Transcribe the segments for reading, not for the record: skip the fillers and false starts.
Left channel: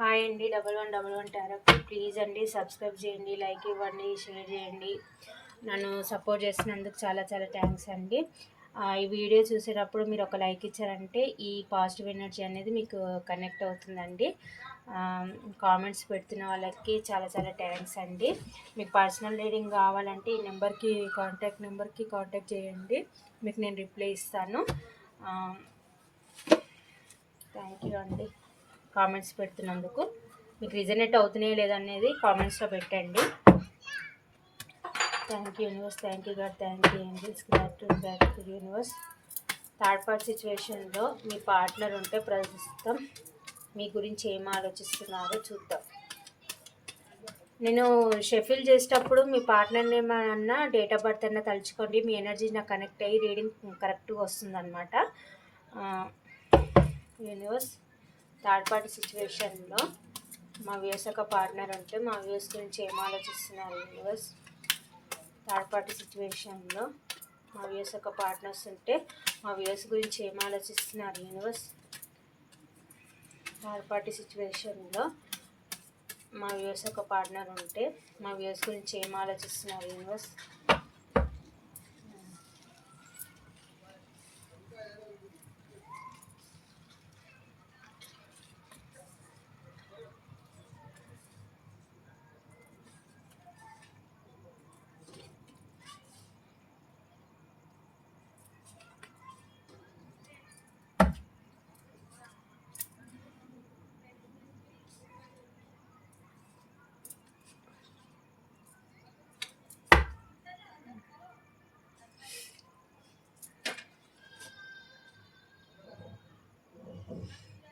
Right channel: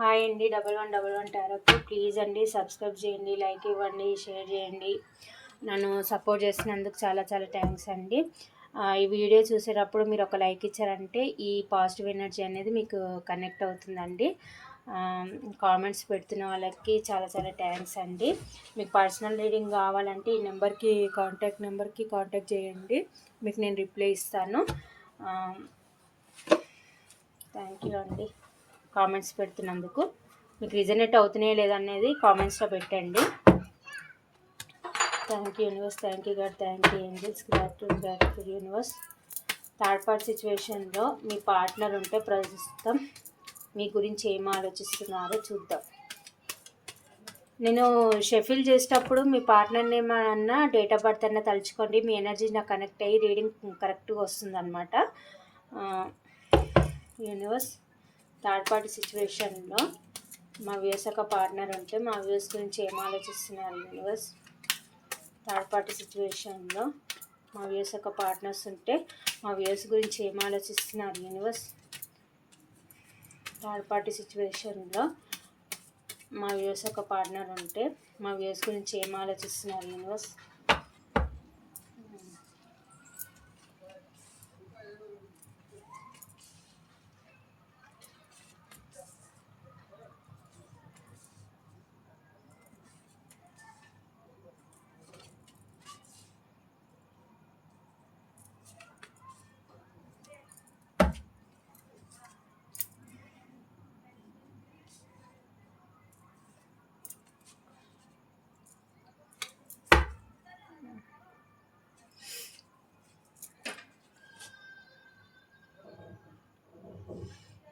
Hi అండి. 1111 టారోకి please అండి subscribe చేయండి, లైక్ ఇవ్వండి, షేర్ చేయండి. నన్ను సపోర్ట్ చేసినందుకు చాలా చాలా థ్యాంక్స్ అండి. ఈ వీడియో చూసేటప్పుడు మీరు ఒక లైక్ ఇచ్చారంటే ఈ పాజిటివ్ ఎనర్జీ అనేది మీకు కనెక్ట్ అవుతుందండి. కామెంట్స్ పెడుతున్న వాళ్ళకి చాలా చాలా థ్యాంక్స్ అండి. మీకు పర్సనల్ రీడింగ్ కావాలంటే ఈ నెంబర్కి కాంటాక్ట్ చేయండి, మీకు నేను రిప్లై ఇస్తాను. థ్యాంక్ యూ అండి. కామెంట్స్ పెడుతున్నందుకు మీకు రిజనేట్ అవుతున్నాయో లేదనేది కామెంట్స్లో పెట్టండి. Thank you universe, thank you God, thank you angels, gratitude universe. Third party సిచ్యువేషన్లో మీ పార్ట్నర్ ఉంటే ప్రస్తుతం మీ గురించి ఏం ఆలోచిస్తున్నారో చూద్దాం. నేను షెఫిల్ చేసేటప్పుడు మీ పార్ట్నర్ని ఏమన్నా డేట్ ఆఫ్ బర్త్ అన్నా తలుచుకోండి, మీ ఎనర్జీ నాకు కనెక్ట్ అయ్యి రీడింగ్ కరెక్ట్గా వస్తుందన్నమాట. యూనివర్స్, థర్డ్ పార్టీ సిచ్యువేషన్లో మా వ్యూస్ ఒక పార్ట్నర్ ఉంటే మా వ్యూస్ గురించి ఏం ఆలోచిస్తున్నారు యూనివర్స్? థర్డ్ పార్టీ సిచ్యువేషన్లో మా వ్యూస్ ఒక పార్ట్నర్స్ ఉంటే మా వ్యూస్ గురించి ఏం ఆలోచిస్తున్నారు యూనివర్స్? థర్డ్ పార్టీ సిచ్యువేషన్లో మా వ్యూస్ ఒక పార్ట్నర్ ఉంటే మా వ్యూస్ గురించి ఏం ఆలోచిస్తున్నారు యూనివర్స్?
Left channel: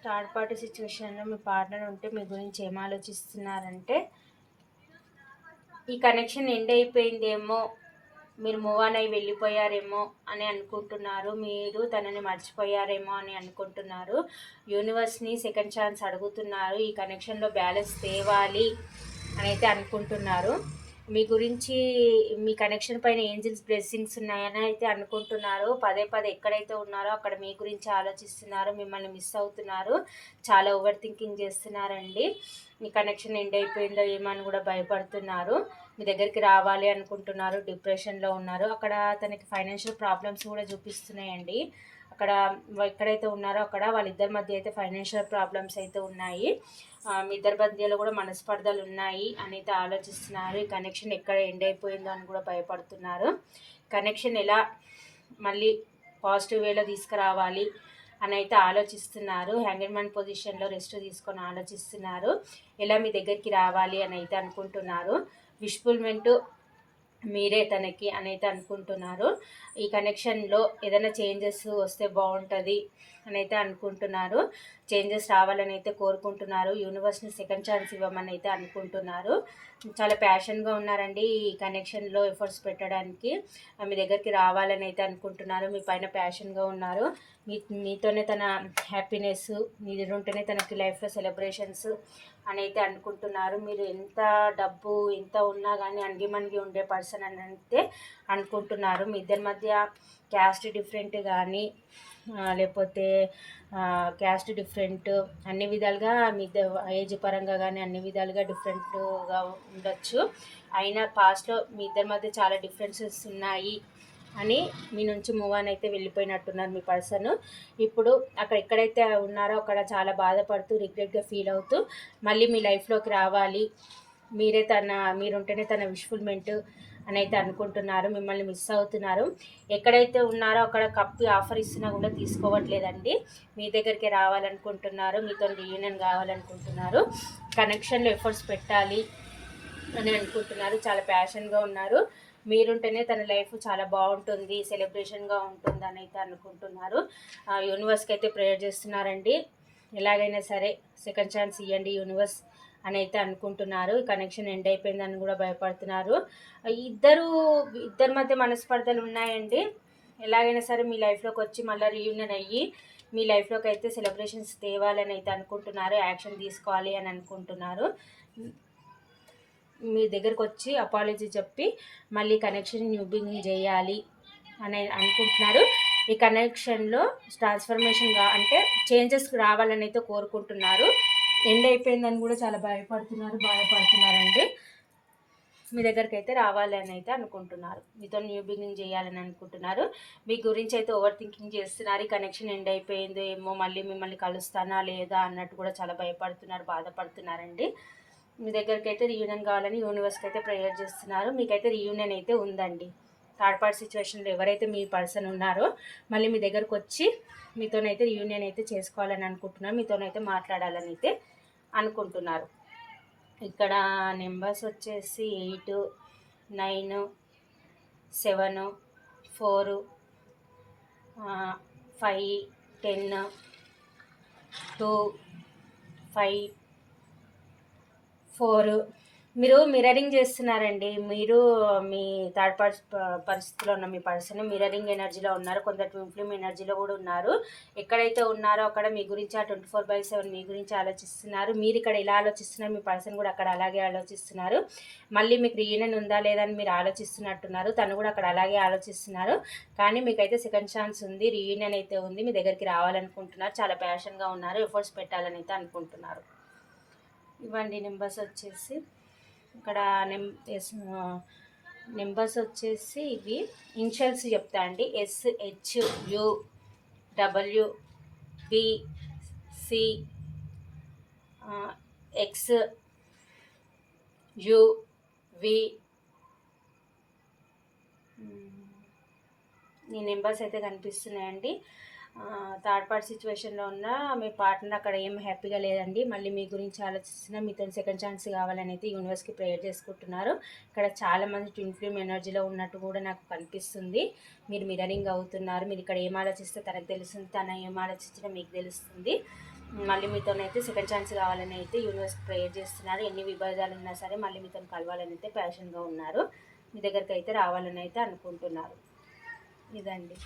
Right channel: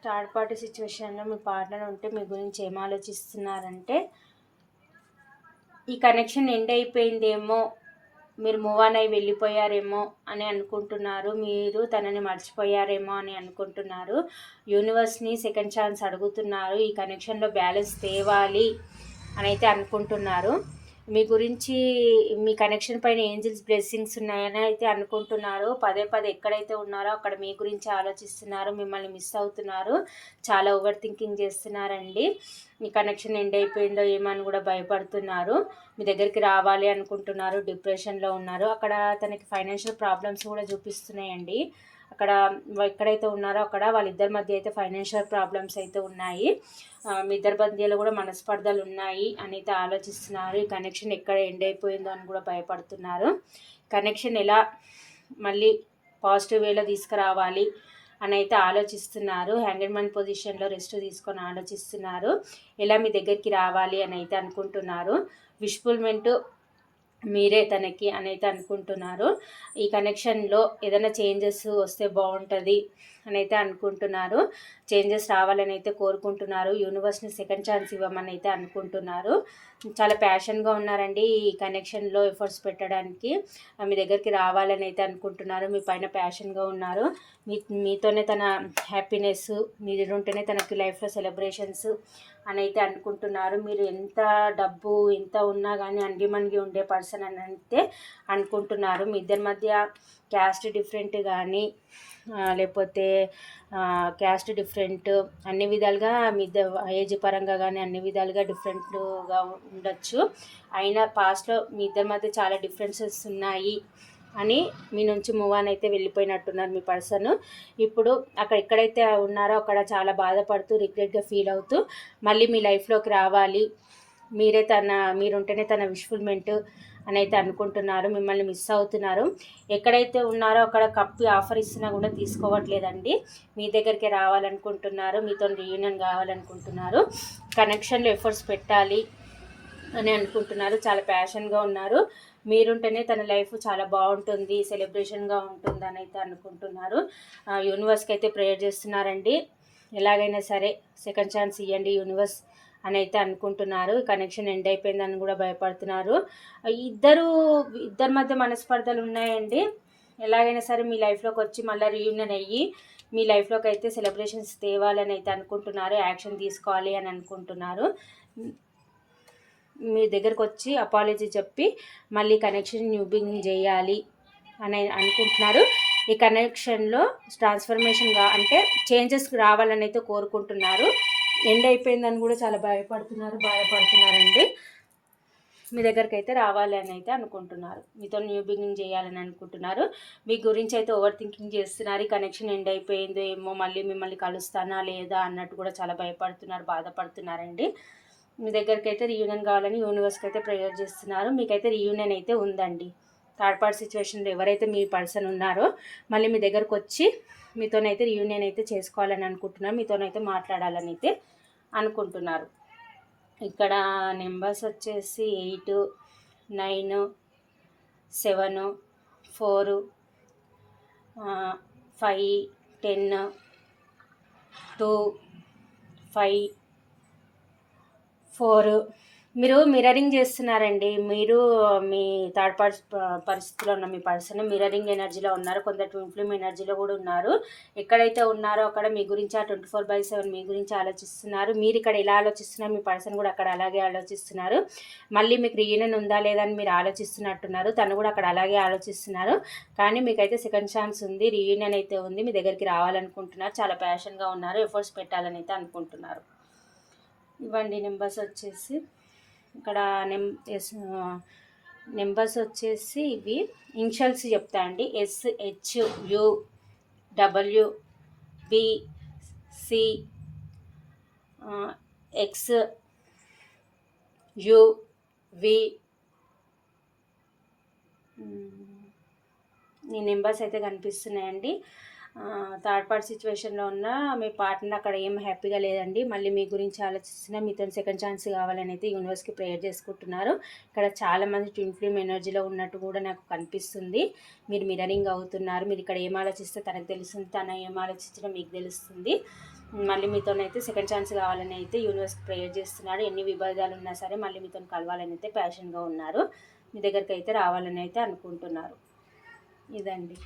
థర్డ్ పార్టీ సిచ్యువేషన్లో మీ పార్ట్నర్ ఉంటే మీ గురించి ఏం ఆలోచిస్తున్నారంటే ఈ కనెక్షన్ ఎండ్ అయిపోయిందేమో, మీరు మూవ్ ఆన్ అయి వెళ్ళిపోయారేమో అని అనుకుంటున్నారు, మీరు తనని మర్చిపోయారేమో అని అనుకుంటున్నారు. యూనివర్స్ని సెకండ్ ఛాన్స్ అడుగుతున్నారు, ఈ కనెక్షన్లో బ్యాలెన్స్ తేవాలి అని అయితే అనుకుంటున్నారు. మీ గురించి మీ కనెక్షన్ పైన ఏంజిల్స్ బ్లెస్సింగ్స్ ఉన్నాయని అయితే అనుకుంటున్నారు. పదే పదే ఎక్కడైతే ఉన్నారో అక్కడ మీ గురించి ఆలోచిస్తున్నారు, మిమ్మల్ని మిస్ అవుతున్నారు, చాలా ఓవర్ థింకింగ్ చేస్తున్నారండి. మీ కనెక్షన్ ఎండ్ అయిపోయిందో ఏమో అని కూడా భయపడుతున్నారు. మీ దగ్గరికి రావాలి అనుకుంటున్నారు, డిప్రెషన్లో ఉన్నారు. అక్కడ తనకి ఫైనాన్షియల్ ప్రాబ్లమ్స్ కూడా చూపిస్తున్నాయండి. అక్కడ ఎక్కడైతే ఉన్నారో అక్కడ వాళ్ళిద్దరి మధ్య అయితే ఫైనాన్షియల్ ప్రాబ్లమ్స్ అయితే ఉన్నాయి. మీ ఇద్దరి మధ్యలో కూడా మనస్పర్ధలు ఉన్నాయి అని అయితే ఆలోచిస్తున్నారు. ఈ కనెక్షన్ ఎక్కడ ఎండ్ అయిపోయిందో అని కూడా భయపడుతున్నారు. కనెక్షన్ ఎలా మళ్ళీ పాజిటివ్ వేలో తీసుకురావాలి అని అయితే ఆలోచిస్తున్నారు. హ్యాంగర్ మ్యాన్ పొజిషన్లో రెస్ట్ తీసుకొని ఆలోచిస్తున్నారు. ఎలా మీ దగ్గరికి రావాలి అని అయితే అనుకుంటున్నారు. విష్ఫుల్మెంట్ మీరే తనకి అని అయితే అనుకుంటున్నారు. ఈ కనెక్షన్లో ఏదైనా చేంజెస్ వస్తే బాగుంటుంది అని అయితే అనుకుంటున్నారు. చేంజెస్ రావాలని అయితే కోరుకుంటున్నారు. యూనివర్స్ని సెకండ్ ఛాన్స్ ఇవ్వమని అయితే అనుకుంటున్నారు. చాలా ప్యాషన్గా ఉన్నారండి ఈ కనెక్షన్లో ఎఫర్ట్స్ పెట్టడానికి. మీ దగ్గరికి రావాలని అయితే అనుకుంటున్నారు. మీ పైన ప్యాషన్గా ఉన్నారు. మీతోనే తన హ్యాపీనెస్, మీరు ఉంటేనే తనకి లైఫ్లో సెలబ్రేషన్స్ అని అయితే అనుకుంటున్నారు. మీరు ఎంత డబ్బు ఎంత ఉన్నా కానీ అంగిమణిగి ఉండే పర్సన్ అని అయితే అనుకుంటున్నారు. మీ ఇద్దరి మధ్య క్యాస్ట్ డిఫరెంట్ కానీ లేకపోతే క్యాస్ట్ డిఫరెంట్ అన్ని విధాలుగా మీ ఏజ్ పరంగా కానీ అన్ని విధాలుగా డిఫరెంట్గా ఉండొచ్చు. అయినా పాస్ట్లో మీ ఇద్దరి మధ్య చాలా డిఫరెన్సెస్ ఉన్నాయి అని మీ నుంచి మూవ్ ఆన్ అయితే వెళ్ళిపోయినట్టున్నారు మీ పర్సన్. ఇప్పుడు అక్కడ ఎక్కడైతే ఉన్నారో అక్కడ చాలా బాధపడుతూ రిగ్రెట్గా ఫీల్ అవుతూ మళ్ళీ మీ లైఫ్లోకి రావాలి, మీరుంటేనే తన విష్ఫుల్మెంట్ అని అయితే అనుకుంటున్నారు. మిమ్మల్ని మిస్ అవుతున్నారు. ఎక్కడైతే ఉన్నారో అక్కడ కప్పి ఆఫర్ ఇస్తున్నా కూడా తీసుకోవట్లేదండి. మీ దగ్గరికి రావాలనుకుంటున్నారు, మీతో రీయూనియన్ కావాలనుకుంటున్నారు, కనెక్షన్లో ఎఫర్ట్స్ పెట్టాలి అని అనుకుంటున్నారు. చాలా ప్యాషన్గా ఉన్నారు. మీరుంటేనే తన లైఫ్ చాలా బాగుంటుంది, సెలబ్రేషన్గా ఉంటుంది అని అయితే అనుకుంటున్నారు. యూనివర్స్కి అయితే ప్రేయర్ చేస్తున్నారండి. ఎలాగైనా సరే సెకండ్ ఛాన్స్ ఇవ్వండి యూనివర్స్ అని అయితే అనుకుంటున్నారు. కనెక్షన్ ఎండ్ అయిపోయిందని కూడా భయపడుతున్నారు. ఇద్దరి మధ్య మనస్పర్ధలు ఉన్నాయండి. ఎలాగైనా సరే మీ లైఫ్లోకి వచ్చి మళ్ళీ రీయూనియన్ అయ్యి మీ లైఫ్లోకి అయితే సెలబ్రేషన్స్ తేవాలని అయితే అనుకుంటున్నారు. యాక్షన్ తీసుకోవాలి అని అనుకుంటున్నారు. మీ దగ్గరకు వచ్చి అపాలజీ చెప్పి మళ్ళీ కనెక్షన్ న్యూ బిగినింగ్ చేయాలి అని అనుకుంటున్నారు. ఈ కనెక్షన్లో ట్రాన్స్ఫర్మేషన్గా అంటే చేంజెస్ రావాలని అయితే కోరుకుంటున్నారు. ఎండ్ అయిపోయిందని కూడా చాలా బాధపడుతున్నారండి. మీ దగ్గరికి అయితే రావాలి అని అయితే అనుకుంటున్నారు, మీతో న్యూ బిగినింగ్ చేయాలని అనుకుంటున్నారు. మీ గురించి అయితే ఓవర్ థింకింగ్ చేస్తున్నారు. ఈ కనెక్షన్ ఎండ్ అయిపోయిందో ఏమో, మళ్ళీ మిమ్మల్ని కలుస్తానా లేదా అన్నట్టు కూడా చాలా భయపడుతున్నారు, బాధపడుతున్నారండి. మీ దగ్గరికి అయితే రీయూనియన్ కావాలని యూనివర్స్కి అయితే ప్రేయర్ చేస్తున్నారు. మీకైతే రీయూనియన్ అయితే ఉందండి. థర్డ్ పార్టీ సిచ్యువేషన్లో ఎవరైతే మీ పర్సన్ ఉన్నారో మళ్ళీ మీ దగ్గరకు వచ్చి మీతోనైతే రీయూనియన్ అయితే చేసుకోవాలని అనుకుంటున్నారు, మీతోనైతే మాట్లాడాలని అయితే అనుకుంటున్నారు. ఇక్కడ నెంబర్స్ వచ్చేసి 8, 9, 7, 4, 5, 10, 2, 5, 4. మీరు మిర్రరింగ్ చేస్తున్నారండి. మీరు మీ థర్డ్ పరిస్థితిలో ఉన్న మీ పర్సన్ మిర్రరింగ్ ఎనర్జీలో ఉన్నారు. కొందరు ట్విన్ ఫ్లేమ్ ఎనర్జీలో కూడా ఉన్నారు. ఎక్కడైతే ఉన్నారో అక్కడ మీ గురించి ఆ 24/7 మీ గురించి ఆలోచిస్తున్నారు. మీరు ఇక్కడ ఎలా ఆలోచిస్తున్నారు, మీ పర్సన్ కూడా అక్కడ అలాగే ఆలోచిస్తున్నారు. మళ్ళీ మీకు రీయూనియన్ ఉందా లేదా అని మీరు ఆలోచిస్తున్నట్టున్నారు. తను కూడా అక్కడ అలాగే ఆలోచిస్తున్నారు. కానీ మీకైతే సెకండ్ ఛాన్స్ ఉంది, రీయూనియన్ అయితే ఉంది. మీ దగ్గరికి రావాలనుకుంటున్నారు, చాలా ప్యాషన్గా ఉన్నారు, ఎఫర్ట్స్ పెట్టాలని అయితే అనుకుంటున్నారు. ఇవ్వండి నెంబర్స్ వచ్చేసి ఇక్కడ నెంబర్స్ వచ్చేసి ఇవి ఇనిషియల్స్ చెప్తా అండి. SHUWBC XUV. ఈ నెంబర్స్ అయితే కనిపిస్తున్నాయండి. థర్డ్ పార్టీ సిచ్యువేషన్లో ఉన్న మీ పార్ట్నర్ అక్కడ ఏం హ్యాపీగా లేదండి. మళ్ళీ మీ గురించి ఆలోచిస్తున్నా, మీతో సెకండ్ ఛాన్స్ కావాలని అయితే యూనివర్స్కి ప్రేయర్ చేసుకుంటున్నారు. ఇక్కడ చాలామంది ట్విన్ ఫ్లేమ్ ఎనర్జీలో ఉన్నట్టు కూడా నాకు కనిపిస్తుంది. మీరు మిర్రరింగ్ అవుతున్నారు. మీరు ఇక్కడ ఏం ఆలోచిస్తే తనకు తెలుస్తుంది, తన ఏం ఆలోచించినా మీకు తెలుస్తుంది. మళ్ళీ మీతోనైతే సెకండ్ ఛాన్స్ కావాలని అయితే యూనివర్స్కి ప్రేయర్ చేస్తున్నారు. ఎన్ని విభేదాలు ఉన్నా సరే మళ్ళీ మీతో కలవాలని అయితే ప్యాషన్గా ఉన్నారు. మీ దగ్గరికి అయితే రావాలని అయితే అనుకుంటున్నారు. ఇదండి.